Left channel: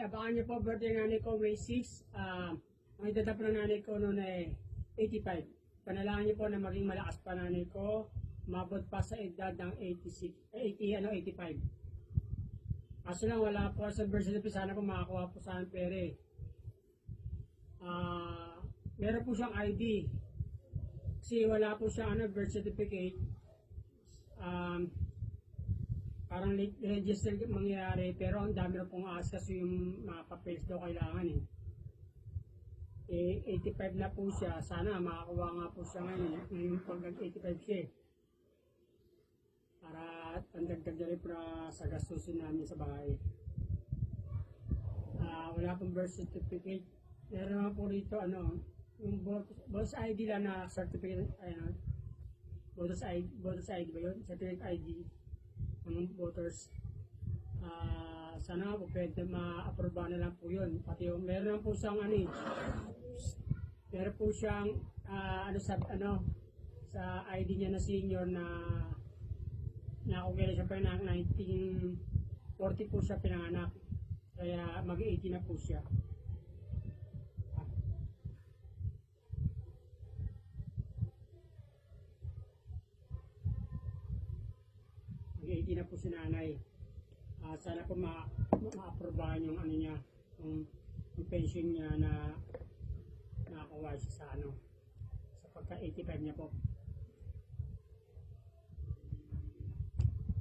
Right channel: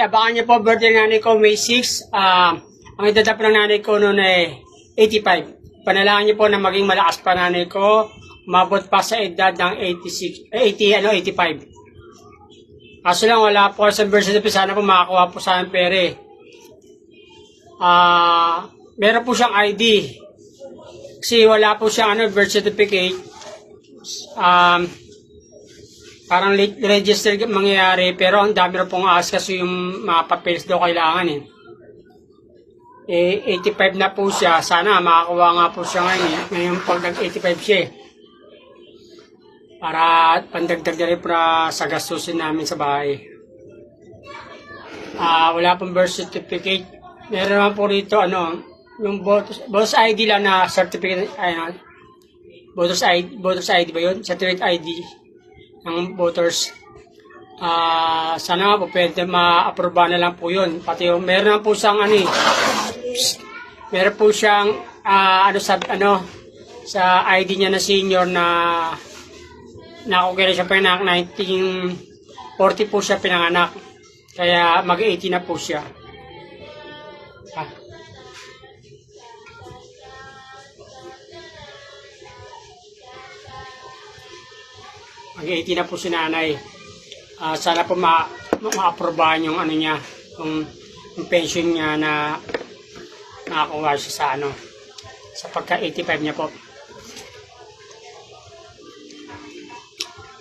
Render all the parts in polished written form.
nanay, abangan niyo po birthday ng nanay ko May 6. Ang edad na po ng nanay ko noon ay 85. Panalangin niyo po na maging malakas pa nanay ko. Umabot pa sa edad ng 85. Kaso lang wala po sa birth certificate. Sana po makakuha po sa akin pere. Meron po siyang ID. Kasi wala po siyang birth certificate. Parang late register mangyayari, pero ang dami na pong aas kasi yung mga papeles daw kailangan eh. 85 na po siya. Sana makakuha nga po siya ngayon. Ngayon pag nag-85 siya eh. Para pandagdag na rin para sa gastusin namin sa bahay. Wala pong birth certificate. Meron naman po rito yung voters ID lang na certificate. Voters ID ba yun? Certificate ID ng voters. Sana nga po pwede ma-aproba na lang po yun. Pati yung meron na po siyang meron po siyang sa ID niya na senior na kung kailan siya pinanganak, 1940 po siya pinanganak. Kaya mag-80 na po siya. Mag-80 na po si nanay. Sana po ma-aprobahan yung niya, yung pension niya na nakakuha siya sa pagka-85 niya po.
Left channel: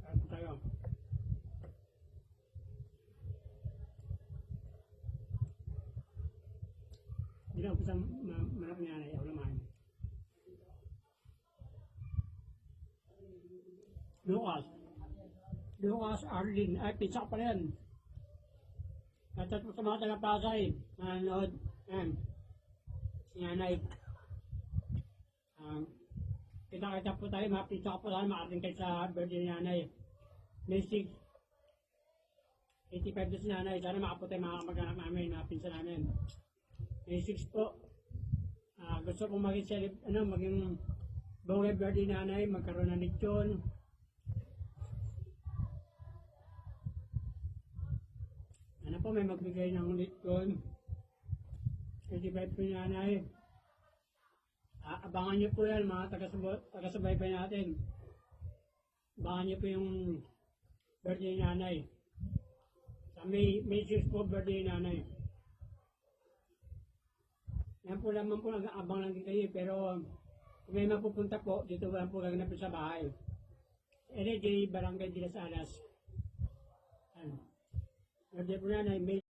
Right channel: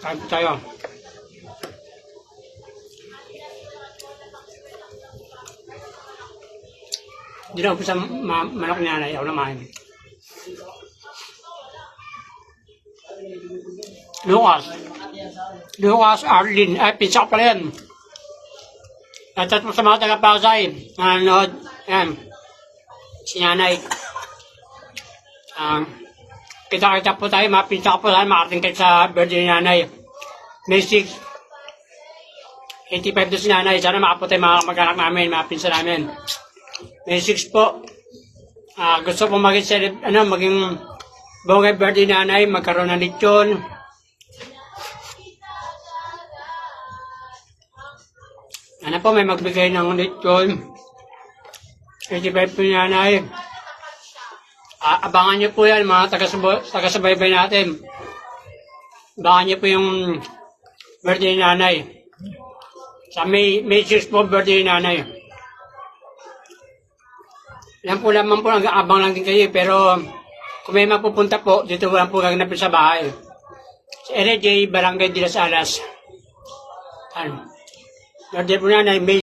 Kain po tayo. Hindi na po sa manok ni nanay. Ako naman. Lucas Arlene, pizza ko pala yan. At po sa mga taga-Pasay, nanonood, yan, si nanay. Kita-kita po tayo, mga pizza ko po tayo, makarating kayo sa birthday ni nanay. May 6, 85 doon si nanay, sana makapunta yung mga mag-anak namin, mga pinsa namin. May 6 po. Gusto po maging bongay birthday ni nanay, magkaroon ng lechon. Po may magbigay ng lechon. 85 po niya nanay. Abangan niyo po yan mga taga-subaybay natin. Abangan niyo po yung birthday ni nanay. Sa May 6 po birthday ni nanay. Yan po naman po, abang lang din kayo. Pero kung may mapupunta po, dito lang po gaganapin sa bahay. Sa LJ, Barangay de las Alas. Birthday po nanay, May